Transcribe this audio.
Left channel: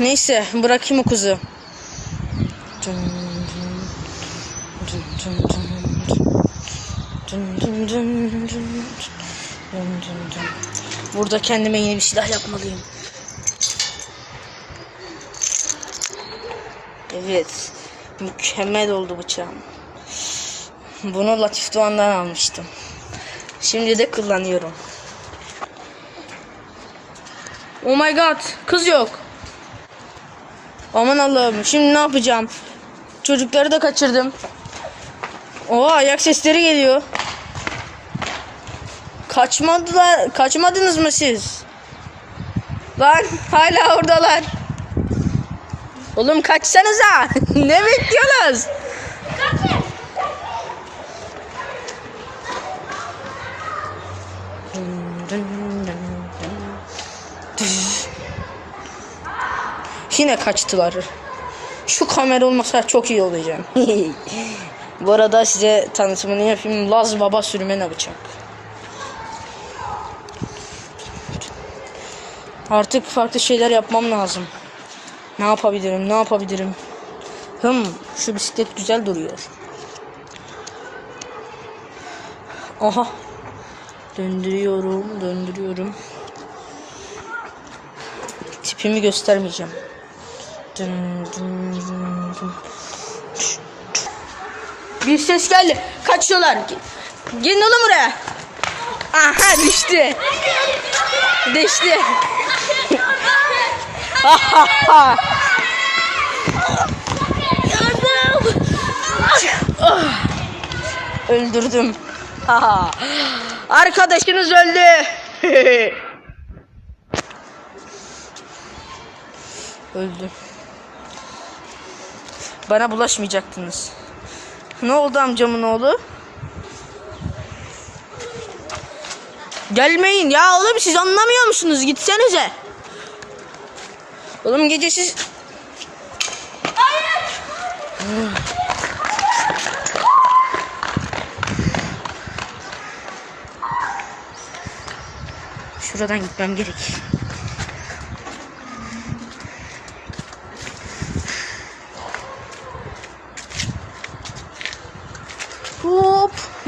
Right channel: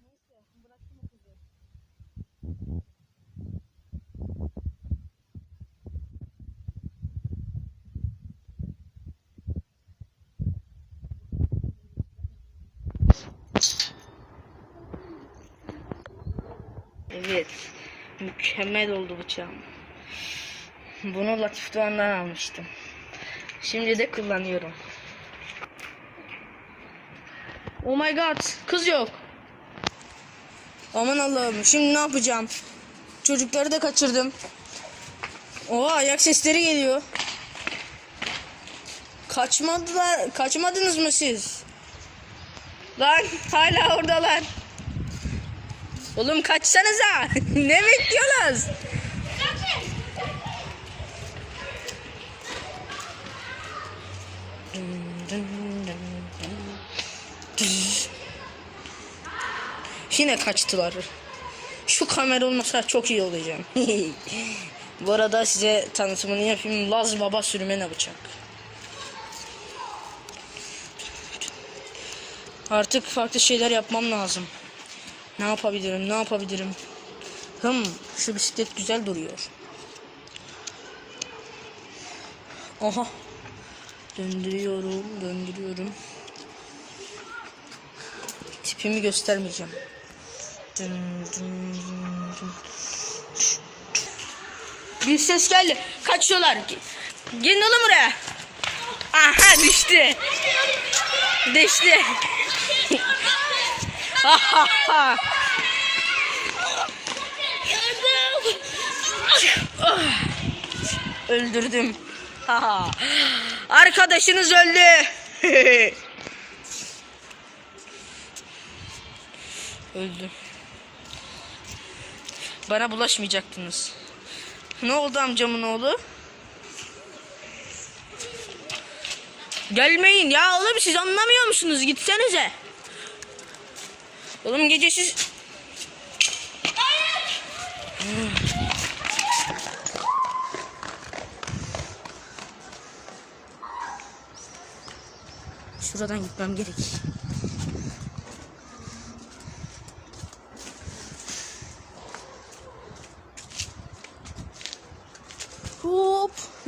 Neyse bırakayım o kızı. Burada kendime yeni bir silah yapmalıyım. Evet. Mükemmel oldu bıçağım. Bunu Latif Doğan'dan almıştım. Şimdi de kullanıyorum. Oh my god. Kız yok. Aman Allah'ım. Şimdi ne yapacağım? Çocukları da kaçırdım. Oha ayak sesleri geliyor. Kaçmadılar. Kaçmadınız mı siz? Lan hala oradalar. Oğlum kaçsanıza. ne bekliyorsunuz? Yine kaçtılar. Şu kamera olmasa çok iyi olacağım. Bu arada size tanıtımını yapayım. Laz Baba sürmene bıçak. Artık farklı şeyler yapmam lazım. Ne yapabilirim? Ne yapabilirim? Hım, şu bisiklet güzel duruyor. Aha. Döndürüyorum, döndürüyorum. Tipimi göstermeyeceğim. Bir ses geldi. Kaçıyorlar. Gelin oğlum buraya. Aha düştü. Düştü. Öldürdüm. Arkadaşınız öldü. Öldü. Bana bulaşmayacaktınız. Ne oldu amcamın oğlu? Gelmeyin ya oğlum siz anlamıyor musunuz? Gitsenize. Oğlum gece siz... Şuradan gitmem gerek.